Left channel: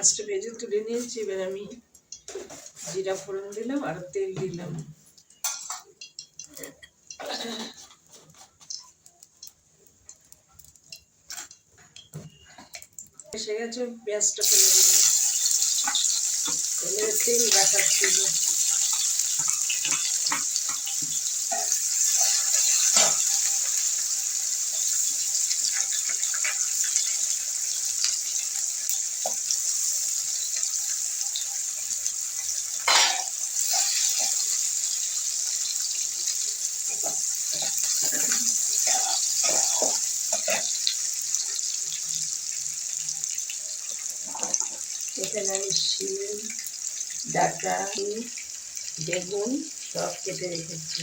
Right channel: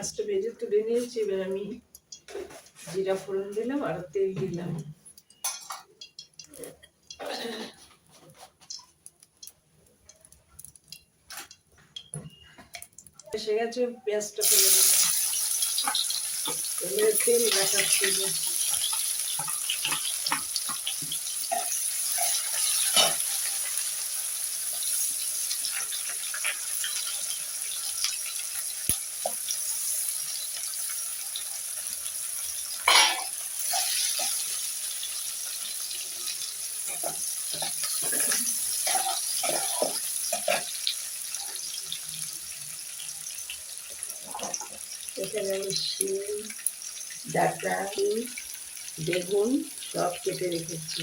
মাছটা ভেজে তুলে নিয়েছি, এবার আমি জিরা ফোড়ন দিলাম আর তেল দিলাম। এসে গেছে, পেঁয়াজটা ফেলে দিলাম। তেল রাখাচ্ছি এখানে আমি শিম ডাটা বেগুন সব কেটে রেখেছি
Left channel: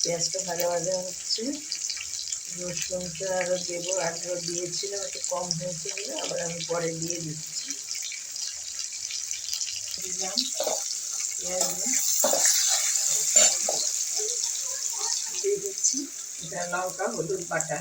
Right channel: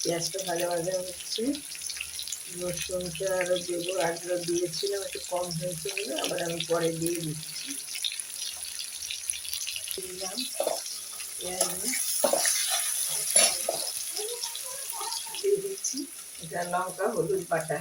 পেঁয়াজটা ভাজা ভাজা হচ্ছে রসুনটা আরও দেবো আরও দিয়েছিলাম একটু কম হয়েছে বলে আবার আমি পরে দিয়ে দিচ্ছি দিলাম পেঁয়াজ এটা লঙ্কা হলুদ বাটা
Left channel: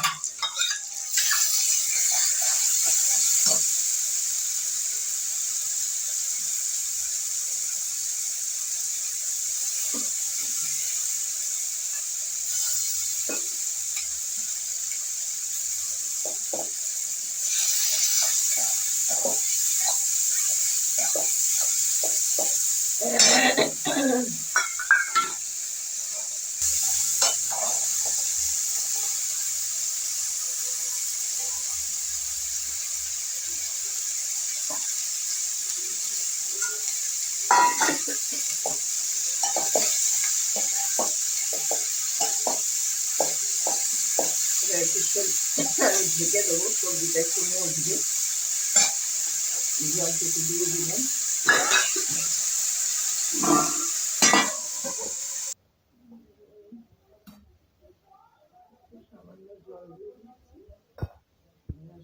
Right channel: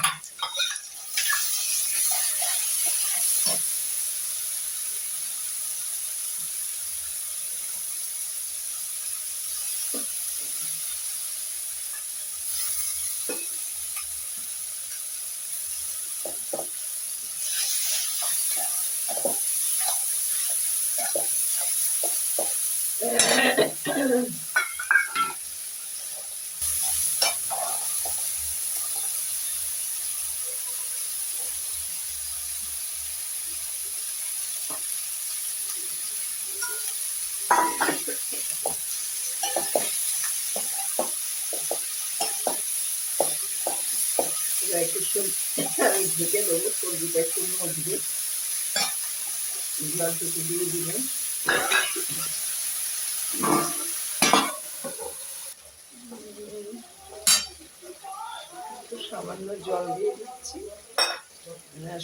সামান্য জল দিয়ে দিচ্ছি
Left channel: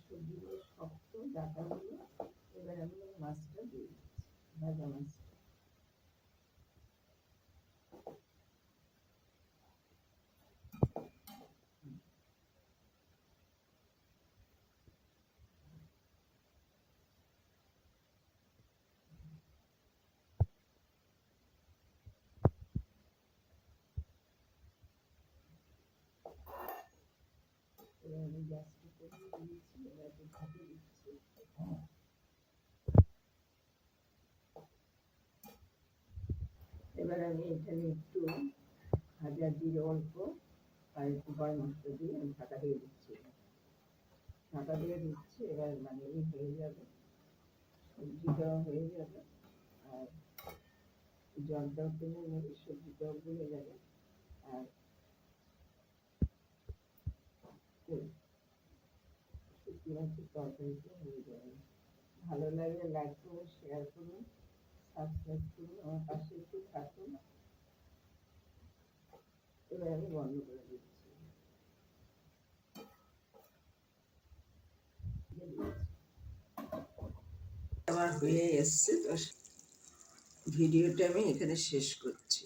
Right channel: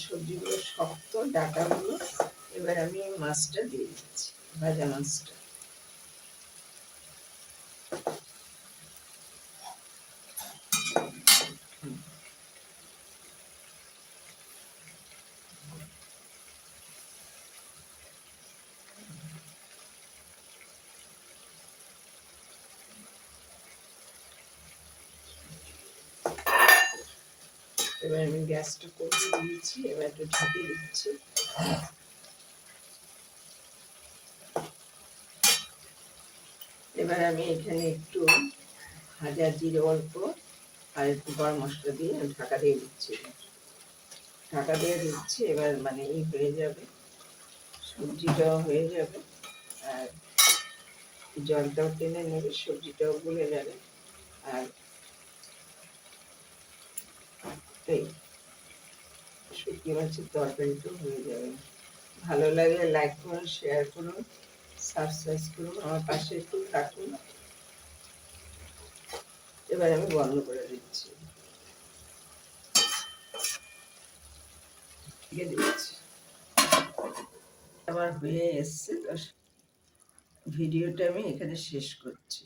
সবজিগুলো শক্ত ডাটাগুলো এবার আমি মাছটা দিয়ে দিচ্ছি। ভাজা মাছটা এবার আমি গ্যাসটা কমিয়ে দিয়েছি এবার একটু ঢাকে দিচ্ছি। এবার আমি এখানে একটু ভাজা জিরে অল্প আর একটু গরম মশলা দিয়ে ঢাকা দিয়ে দিচ্ছি। ঢাকা দিয়ে দিচ্ছি, এবার মানে ই হয়ে যাবে। সবজিটাও হয়ে যাবে। আর জলটাও টেনে নেবে, সবজিটাও গলে যাবে। আর শুটকি মাছের তরকারিটা হয়ে যাবে। ভালো লাগলে লাইক করুন শেয়ার করুন সাবস্ক্রাইব করুন আমার পাশে একটু থাকুন। এবার আমি বন্ধ করে দিচ্ছি। দিচ্ছি। আমার হয়ে এসছে ভিডিওটা আমি এখানে শেষ করছি।